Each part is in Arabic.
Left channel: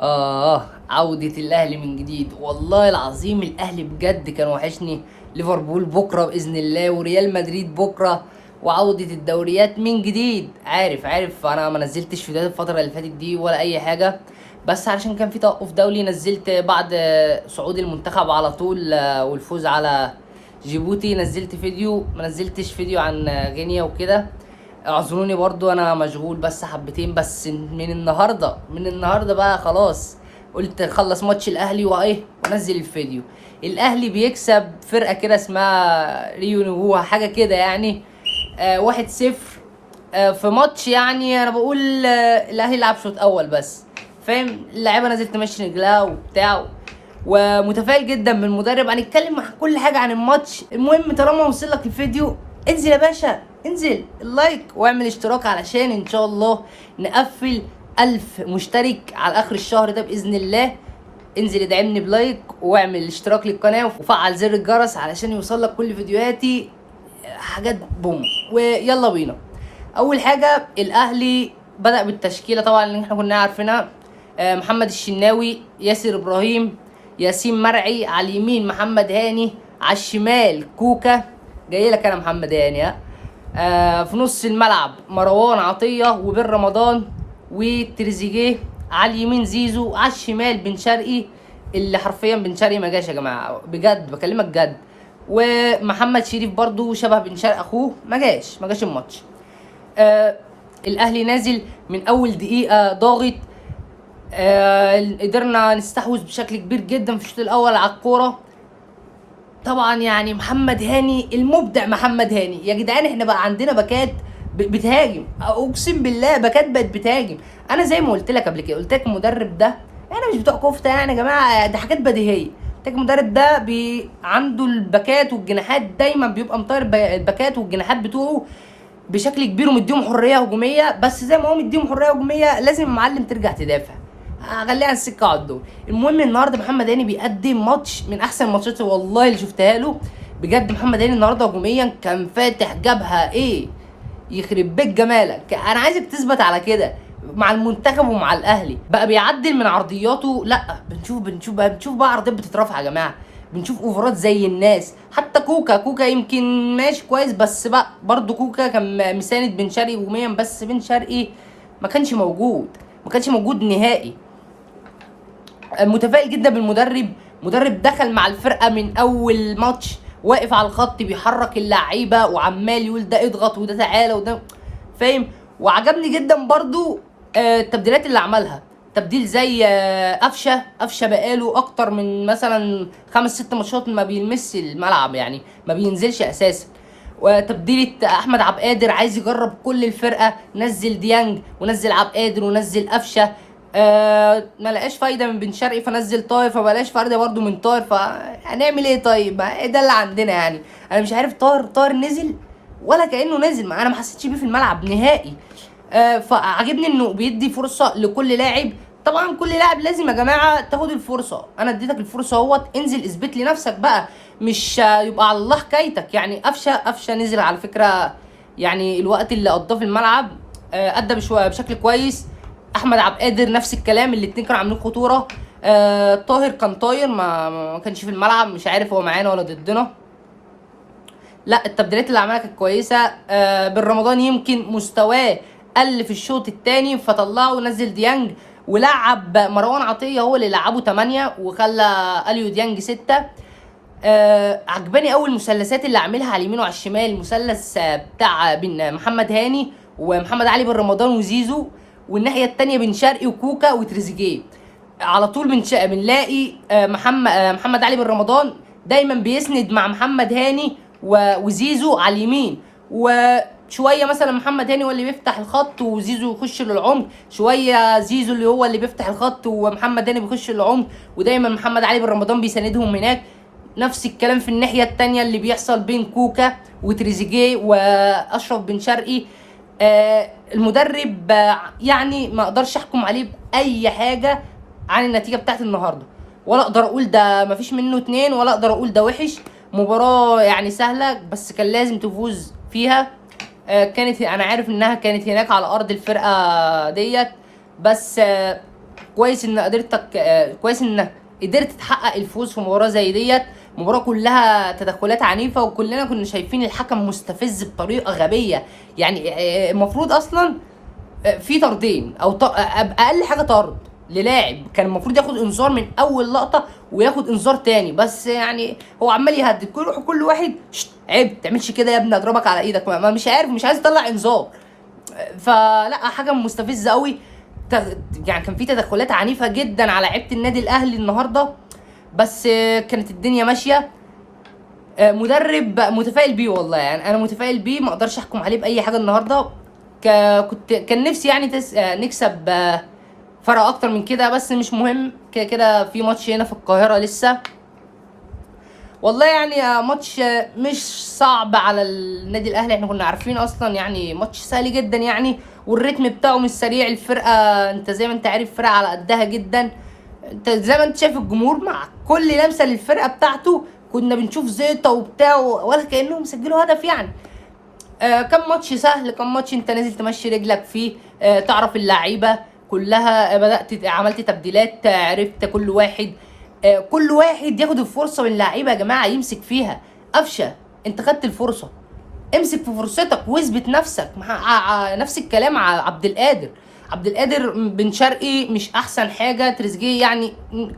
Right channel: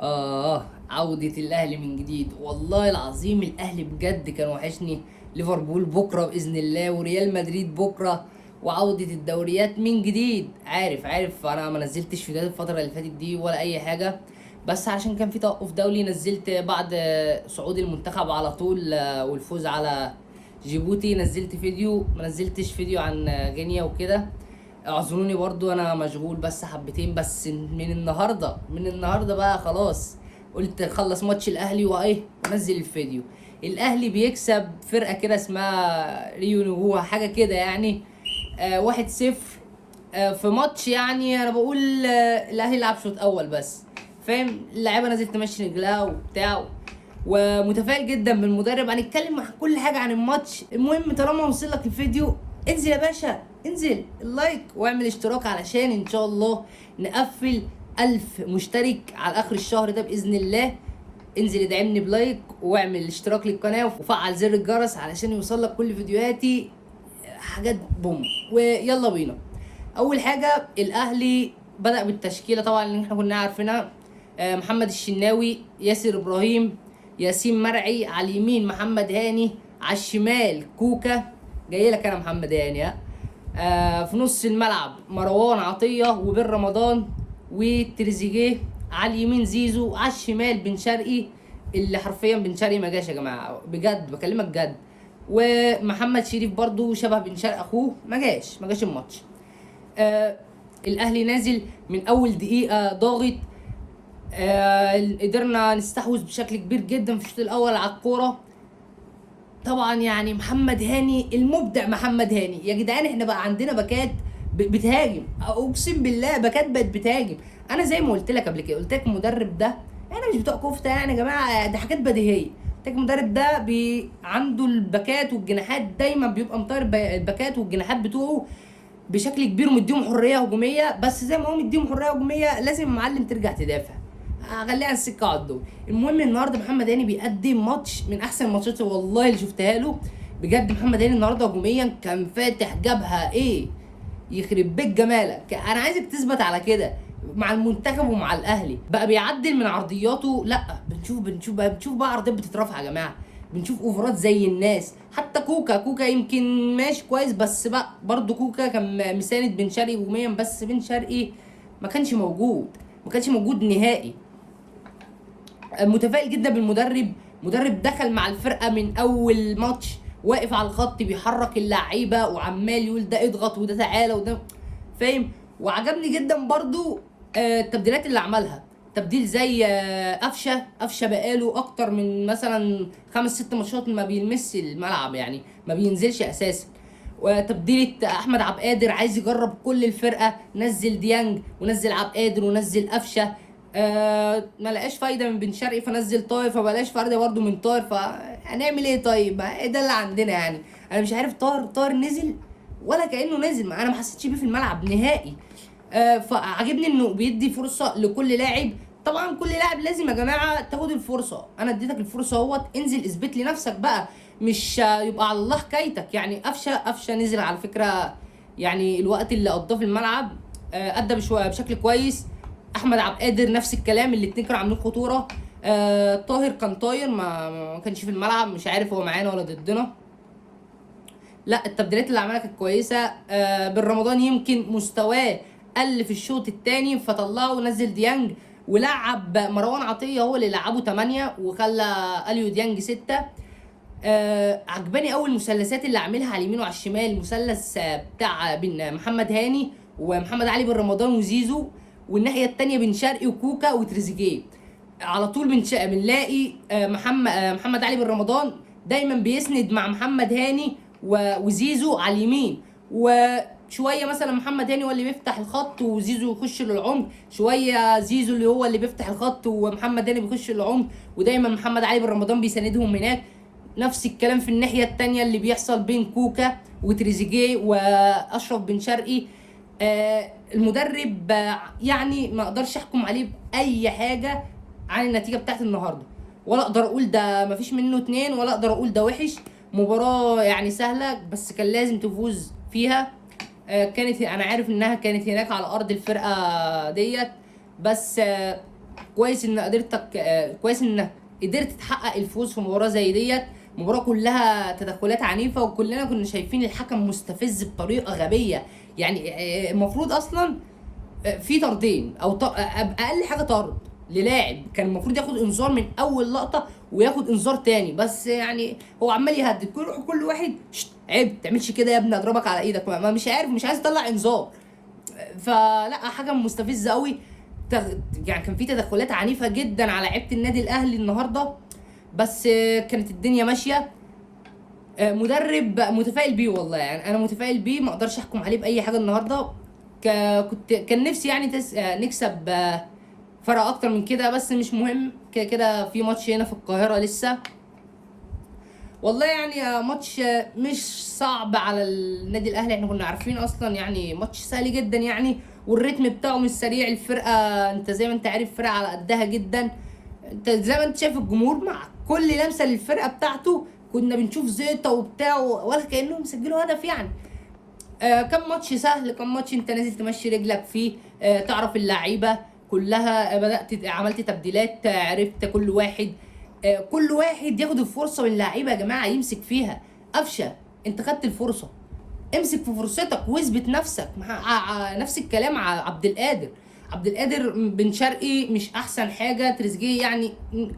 عودة الأهلي من جديد. والله العظيم الأهلي بجد كان وحشني. ليفربول بكرة بإذن الله، وريال مدريد بكرة، وعودة الدوريات من جديد. عارف أنا ما نزلتش فيديوهات الفترة اللي فاتت دي ولا أي حاجة، بس علشان كان في توقف دولي. نزلت بعد صعود المنتخب على طول والفوز على جيبوتي، نزلت فيديو. ما نزلتش فيديو عن غينيا وكده. اعذروني برضو انا مشغول بس حبتين. بس من النهارده بقى خلاص، قلت خلص ماتش الاهلي وايه ونزل الفيديو. الاهلي بيكسب فرقه كده اسمها ريو نيفو حاجه كده يعني، 1-0. في ماتش يعني انا بقول الاهلي لعب شوط اول بس، فاهم؟ اللعيبه نزلت تمشي رجلها وبتاع، ومتفائل جدا بالمدرب. هنتكلم عن كل حاجه عن الماتش. المهم طالما وصل لك الفيديو، انزل يا باشا، انزل اللايك واعمل اشتراك علشان ان شاء الله نقفل 1000 مشترك على اخر الشهر ده باذن الله. انزل ادعمني بلايك واعمل اشتراك للقناه وفعل زر الجرس علشان يوصل لك كل فيديوهاتي. حاجات بوم. ويلا بينا. اول حاجه الاهلي بدأ بالتشكيله طبعا اللي احنا كنا عارفينها. محمد الشناوي، ياسر ابراهيم، ياسين مرعي على اليمين، محمد هاني على الشمال، كوكا. جاي لك انا محمد هاني ها. في نص الملعب مروان عطيه وبن رمضان وتريزيجيه. على اليمين زيزو، على الشمال بن شرقي، اللي حرفيا بن شرقي ما جاش يا جماعه، بجد بكلمك جد. ومحمد شريف برضو شبه بن شرقي اخوه، ما جاش الماتش. آه الاهلي نازل من اول دقيقه ضاغط. قدرنا نستحوذ بشكل كبير جدا في الشوط الاول على الكوره. طبعا يعني محمد هاني المبدع، محمد هاني يا جدعان. احنا بقى عندنا باكات بتهاجم، اقسم بالله باكات بقت بتهاجم. انا زي ما قلت لك قبل كده، قلت لك المدرب ده، احنا مش بتوع كفته يعني يا جماعه، ده حاجات بديهيه. قلت لك المدرب ده عنده الباكات والجناحات دايما بيبقى مطير الباكات والجناحات بتوعه بشكل كبير ومديهم حريه هجوميه. بس زي ما هو مديهم حريه هجوميه، لازم المعلم ترجع تدافع. هخليها على السكه على الدور. المهم النهارده محمد هاني بيقدم ماتش من احسن الماتشات والله اللي شفتها له. بجد محمد هاني النهارده هجوميا كان فاتح جبهه ايه، يخرب بيت جمالك. انا عايزك تثبت على كده مع المنتخب ومع الاهلي. بقى بيعدل من عرضياته. لا بنشوف بقى عرضيات بتترفع يا جماعه. بنشوف اوفرات زي الناس. حتى كوكا يمكن ماشي كويس، بس بقى برضه كوكا كان مساند بن شرقي هجوميا، بس بن شرقي ما كانش موجود نهائي. متفائل جدا بالمدرب. مدرب دخل مع الفرقه من اول ماتش، واقف على الخط بيحرك اللعيبه وعمال يقول ده اضغط وده تعالى وده، فاهم؟ وعجبني جدا برضو التبديلات اللي عملها. تبديل زي قفشه بقاله اكتر من مثلا 5 6 ماتشات ما بيلمس الملعب، يعني ما بينزلش اساسا. وتبديلة احمد عبد القادر عايز يجرب كل الفرقه، نزل ديانج ونزل عبد القادر ونزل قفشه. ما لقاش فايده من بن شرقي فنزل طاهر، فبلاش فايده برده من طاهر. فهنعمل ايه طيب؟ ما ده اللي عندنا يعني. انا مش عارف طاهر نزل ولا كانه نزل. ما انا ما حسيتش بيه في الملعب نهائي. فعجبني انه بيدي فرصه لكل لاعب. طبعا كل لاعب لازم يا جماعه تاخد الفرصه. انا اديتك الفرصه اهوت، انزل اثبت لي نفسك بقى. مش يبقى على الله حكايتك يعني. قفشه نزل على فكره، يعني الوقت اللي قضاه في الملعب ادى بشكل كويس. احمد عبد القادر نفس الكلام، الاتنين كانوا عاملين خطوره. طاهر كان طاير، ما كانش في الملعب، مش عارف هو معانا ولا ضدنا. لا التبديلات اللي عملها كانت كويسه. بن رمضان يمكن مستواه قل في الشوط الثاني، فطلعه ونزل ديانج، ولعب مروان عطيه هو اللي لعبه 8 وخلى اليو ديانج 6. عجباني اول المثلثات اللي عاملها على اليمين وعلى الشمال. المثلث بتاع بين محمد هاني ومحمد علي بن رمضان وزيزو، والناحيه الثانيه بن شرقي وكوكا وتريزيجيه. على طول بنلاقي محمد علي بن رمضان دايما بيسند مع محمد هاني وزيزو على اليمين. وشويه مثلا محمد هاني هو اللي بيفتح الخط وزيزو يخش للعمق، شويه زيزو اللي هو اللي بيفتح الخط ومحمد هاني بيخش للعمق، ودايما محمد علي بن رمضان بيساندهم هناك. نفس الكلام في الناحيه الثانيه اللي بيحصل بين كوكا وتريزيجيه واشرف بن شرقي. المدرب يعني ما اقدرش احكم عليه باي حاجه عن النتيجه بتاعت النهارده، ولا اقدر اقول ده مفيش منه 2، ولا اقدر اقول ده وحش. مباراه يعني سهله بس كان لازم تفوز فيها. كانت انا عارف انها كانت هناك على ارض الفرقه ديت، بس كويس ان كويس انك قدرت تحقق الفوز في مباراه زي ديت. مباراه كلها تدخلات عنيفه، وكلنا كنا شايفين الحكم مستفز بطريقه غبيه. يعني المفروض اصلا في طردين او اقل حاجه طرد للاعب. كان المفروض ياخد انذار من اول لقطه وياخد انذار تاني، بس يعني هو عمال يهدد كل واحد، عيب تعملش كده يا ابني، اضربك على ايدك. مش عارف، مش عايز يطلع انذار. فلا، حكم مستفز قوي. يعني كان في تدخلات عنيفه جدا على لعيبه النادي الاهلي النهارده، بس كانت الدنيا ماشيه. مدرب متفائل بيه والله، يعني انا متفائل بيه، ما اقدرش احكم عليه باي حاجه النهارده. كان نفسي يعني نكسب فرق اكتر من كده، بس مش مهم، كده كده في ماتش هنا في القاهره لسه. والله يعني ماتش مش صعب على النادي الاهلي، احنا كنا عارفين اصلا يعني ماتش سهل جدا يعني، والريتم بتاعه مش سريع. الفرقه انت زي ما انت عارف فرقه على قدها جدا. انت زي ما انت شايف الجمهور مع كل لمسه للفرقه بتاعته كنا بنشوف زيطه وبتاع، ولا كانهم سجلوا هدف يعني. كم ماتش سهل، كم ماتش انت نازل تمشي رجلك فيه، تعرف اللعيبه كلها، بدات عملت تبديلات، عرفت كل واحد ياخد الفرصه من اللعيبه يا جماعه يمسك فيها. قفشه، انت خدت الفرصه، امسك في فرصتك واثبت نفسك. نفس الكلام على عبد القادر بن شرقي مش احسن حاجه، تريزيجيه يعني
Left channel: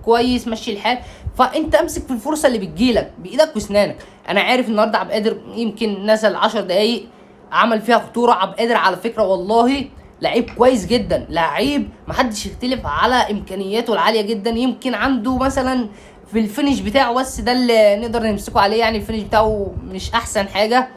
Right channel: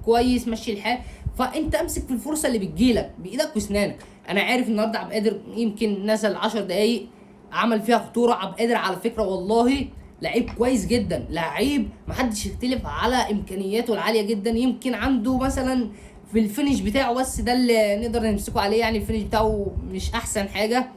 كويس ماشي الحال. فانت امسك في الفرصه اللي بتجيلك بايدك واسنانك. انا عارف النهارده عبد القادر يمكن نزل 10 دقايق عمل فيها خطوره. عبد القادر على فكره والله لعيب كويس جدا، لعيب محدش يختلف على امكانياته العاليه جدا. يمكن عنده مثلا في الفينش بتاعه، بس ده اللي نقدر نمسكه عليه، يعني الفينش بتاعه مش احسن حاجه.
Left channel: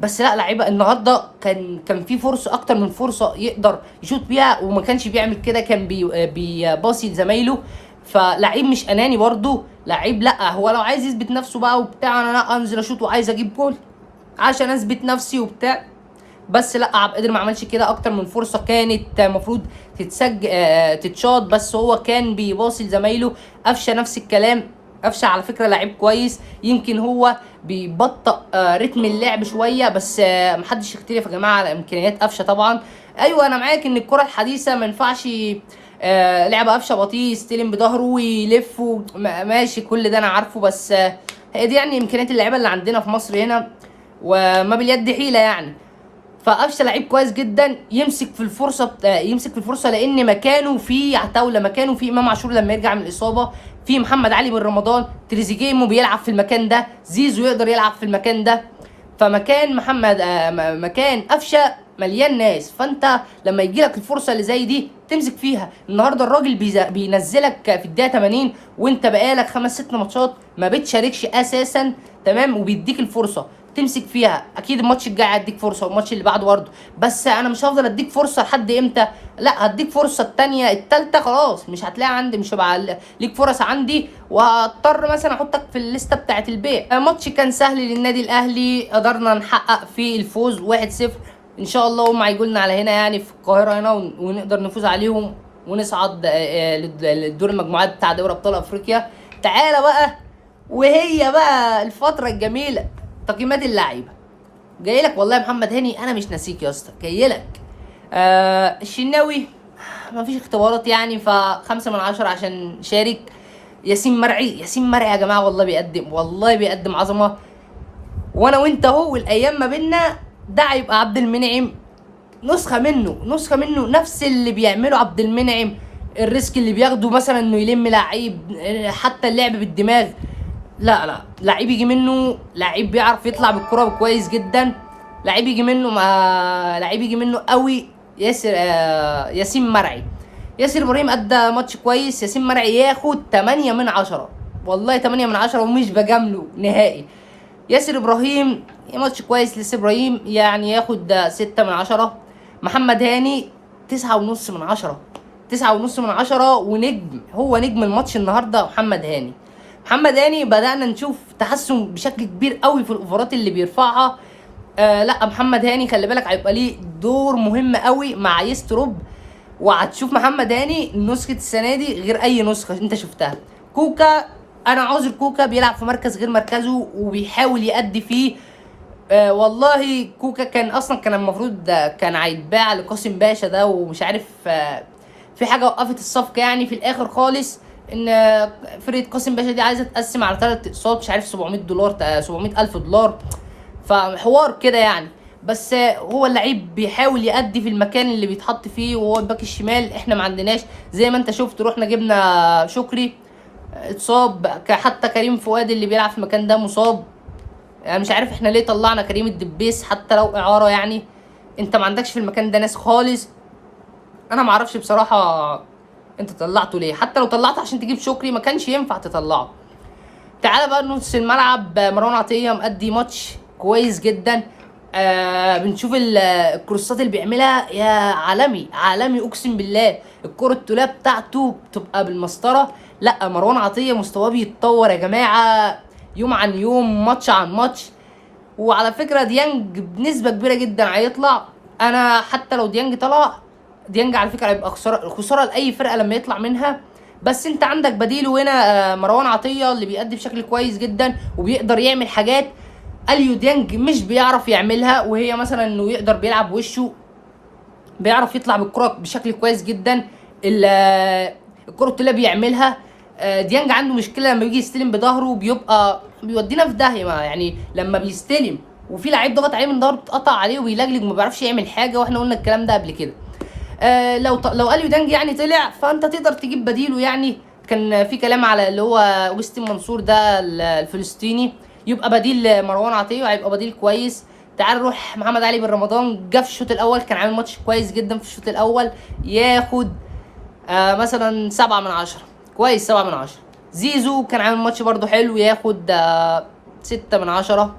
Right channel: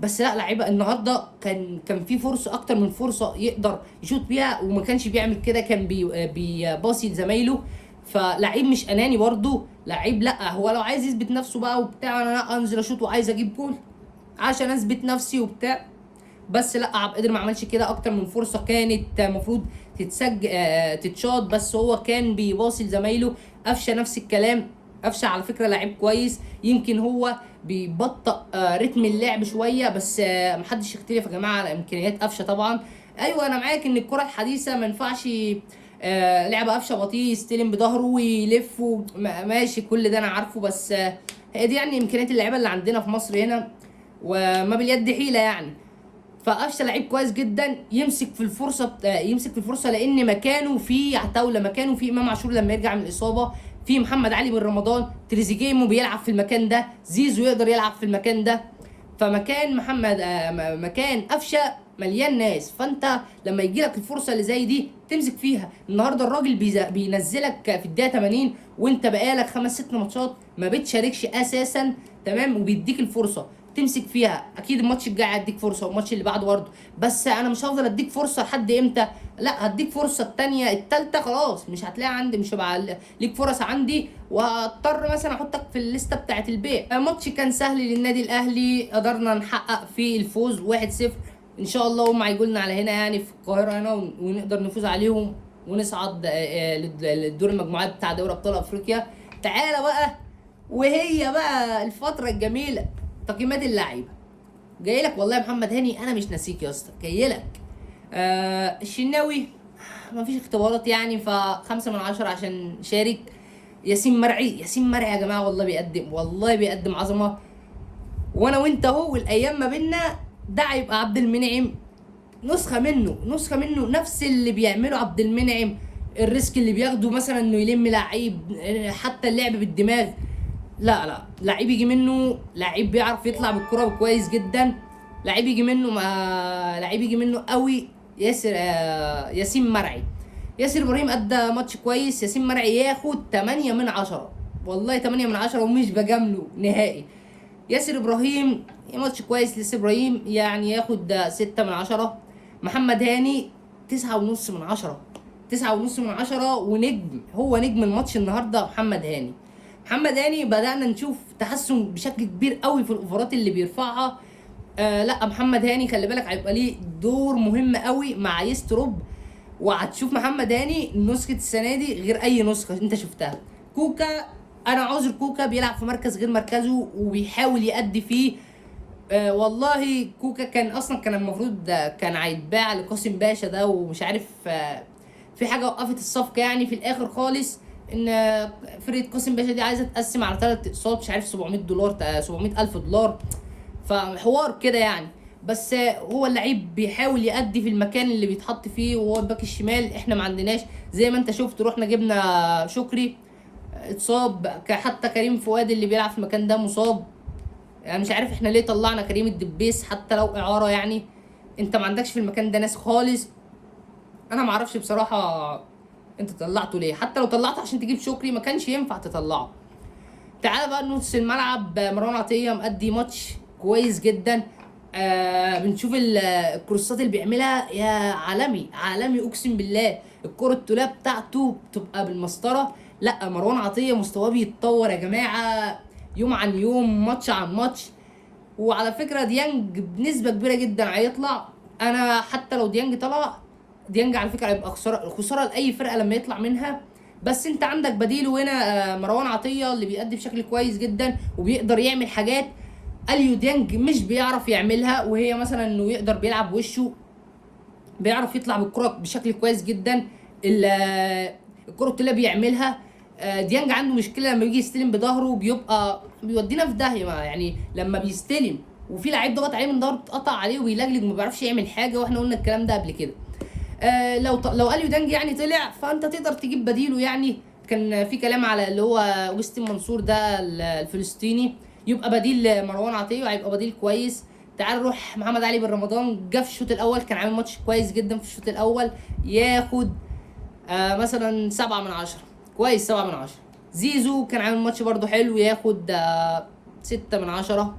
بس لا، لعيبه النهارده كان في فرصه، اكتر من فرصه يقدر يشوط بيها وما كانش بيعمل كده، كان بيباصي لزمايله. فلعيب مش اناني برضه، لعيب لا هو لو عايز يثبت نفسه بقى وبتاع، انا لا انزل اشوط وعايز اجيب جول عشان اثبت نفسي وبتاع. بس لا، عبد القادر ما عملش كده. اكتر من فرصه كانت المفروض تتشاط، بس هو كان بيباصي لزمايله. قفشه نفس الكلام. قفشه على فكره لعيب كويس، يمكن هو بيبطئ رتم اللعب شويه، بس محدش يختلف يا جماعه على امكانيات قفشه طبعا. ايوه انا معاك ان الكره الحديثه ما ينفعش لعب قفشه بطيء، يستلم بظهره ويلف ماشي، كل ده انا عارفه، بس هي دي يعني امكانيات اللعيبه اللي عندنا في مصر هنا، وما باليد حيله يعني. فقفشه لعيب كويس جدا، يمسك في الفرصه لان مكانه في عتاوله، مكانه في امام عاشور لما يرجع من الاصابه، في محمد علي بن رمضان، تريزيجيه بيلعب في المكان ده، زيزو يقدر يلعب في المكان ده. فمكان مكان قفشه مليان ناس، فانت لما يجي لك الفرصه اللي زي دي تمسك فيها. النهارده الراجل بينزلك في الدقيقه 80 وانت بقالك 5 6 ماتشات ما بتشاركش اساسا، تمام، وبيديك الفرصه تمسك فيها. اكيد الماتش الجاي هديك فرصه والماتش اللي بعده برضه، بس انا مش هفضل اديك فرصه لحد امتى؟ لا، هديك فرصه التانيه التالته خلاص مش هتلاقي عندي، مش هبقى ليك فرص عندي، وهضطر مثلا احطك في الليسته بتاعه البيع. الماتش كان سهل للنادي الاهلي، قدرنا نحقق فيه الفوز 1-0. ان شاء الله هم هيجوا لنا على هنا يعني في القاهره هنا، ونقدر نفوز عليهم ونصعد للدور المجموعات بتاع دوري ابطال افريقيا. تعالى بقى، وهي بقى الفتره الجميله، تقييمات اللعيبه. جاي لك والله يا محمد هاني، انا مش ناسيك يا اسطى، جاي لك. الشناوي ما فيش اختبارات يعني، ف5/10 عشان شارك. ياسين مرعي يا جماعه، والله بيقدم عظمه. وانا وانت اهو، والايام ما بينا، ده هيبقى عبد المنعم نسخه منه، نفس اللي بيعمله عبد المنعم. الريسك اللي بياخده مثلا انه يلم لعيب، حتى اللعب بالدماغ. لا لعيب يجي منه، لعيب بيعرف يطلع بالكرة كويس جدا، لعيب يجي منه قوي. ياسين مرعي. ياسر ابراهيم ادى ماتش كويس، ياسين مرعي ياخد 8/10، والله 8/10 ومش بجامله نهائي. ياسر ابراهيم ماتش كويس لياسر ابراهيم، يعني ياخد 6/10. محمد هاني 9.5/10، 9.5/10، ونجم، هو نجم الماتش النهارده محمد هاني بدأنا نشوف تحسن بشكل كبير قوي في الاوفرات اللي بيرفعها. لا، محمد هاني خلي بالك هيبقى ليه دور مهم قوي مع يستروب، وهتشوف محمد هاني نسخة السنة دي غير أي نسخة أنت شفتها. كوكا، أنا عذر كوكا بيلعب في مركز غير مركزه وبيحاول يأدي فيه. والله كوكا كان المفروض كان هيتباع لقاسم باشا ده، ومش عارف في حاجه وقفت الصفقه يعني في الاخر خالص، ان فرقه قاسم باشا دي عايزه تقسم على 3 اقساط، مش عارف 700 دولار 700 الف دولار، فحوار كده يعني. بس هو اللعيب بيحاول يأدي في المكان اللي بيتحط فيه، وهو الباك الشمال احنا ما عندناش. زي ما انت شفت رحنا جبنا شكري اتصاب، حتى كريم فؤاد اللي بيلعب في المكان ده مصاب. يعني مش عارف احنا ليه طلعنا كريم الدبيس حتى لو اعاره يعني. انت ما عندكش في المكان ده ناس خالص. انا ما اعرفش بصراحه انت طلعته ليه، حتى لو طلعته عشان تجيب شكري ما كانش ينفع تطلعه. تعالى بقى نص الملعب، مروان عطيه مأدي ماتش كويس جدا. بنشوف الكروسات اللي بيعملها، يا عالمي عالمي اقسم بالله. الكرة التوليه بتاعته بتبقى بالمسطره. لا مروان عطيه مستواه بيتطور يا جماعه، يوم عن يوم، ماتش عن ماتش. وعلى فكره ديانج بنسبه كبيره جدا هيطلع. انا حتى لو ديانج طلع، ديانج على فكره هيبقى خساره لاي فرقه لما يطلع منها. بس انت عندك بديله هنا، مروان عطيه اللي بيأدي بشكل كويس جدا وبيقدر يعمل حاجات اليو ديانج مش بيعرف يعملها، وهي مثلا انه يقدر بيلعب وشه، بيعرف يطلع بالكره بشكل كويس جدا. الكره اللي بيعملها. ديانج عنده مشكله لما بيجي يستلم بظهره بيبقى بيودينا في داهيه، يعني لما بيستلم وفي لعيب ضغط عليه من ظهره بتقطع عليه وبيلجلج وما بيعرفش يعمل حاجه، واحنا قلنا الكلام ده قبل كده. لو اليو دانج يعني طلع فانت تقدر تجيب بديله يعني. كان في كلام على اللي هو اوجستين منصور ده الفلسطيني يبقى بديل مروان عطيه، وهيبقى بديل كويس. تعال نروح محمد علي بن رمضان، جه في الشوط الاول كان عامل ماتش كويس جدا في الشوط الاول، ياخد مثلا 7/10، كويس 7/10. زيزو كان عامل ماتش برضو حلو، ياخد 6/10.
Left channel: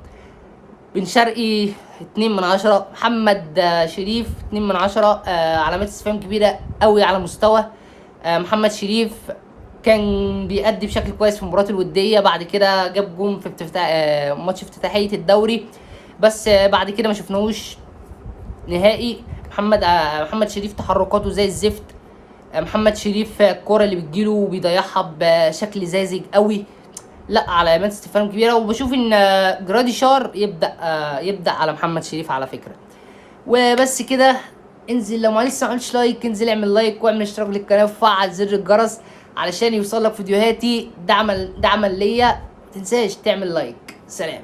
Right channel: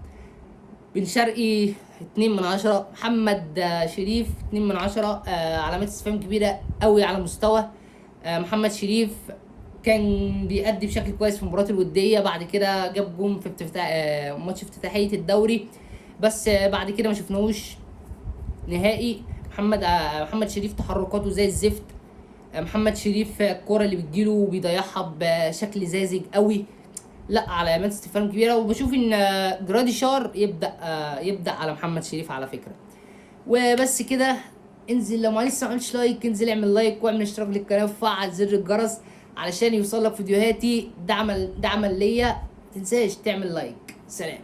بن شرقي 2/10. محمد شريف 2/10. علامات استفهام كبيره قوي على مستوى محمد شريف. كان بيأدي بشكل كويس في المباراه الوديه، بعد كده جاب جون في ماتش افتتاحيه الدوري، بس بعد كده ما شفناهوش نهائي. محمد شريف تحركاته زي الزفت. محمد شريف الكوره اللي بتجيله بيضيعها بشكل ساذج قوي. لا علامات استفهام كبيره. وبشوف ان جراديشار يبدا على محمد شريف على فكره. وبس كده. انزل لو لسه ما عملتش لايك، انزل اعمل لايك واعمل اشتراك للقناه وفعل زر الجرس علشان يوصلك فيديوهاتي دعما ليا. ما تنساش تعمل لايك. سلام.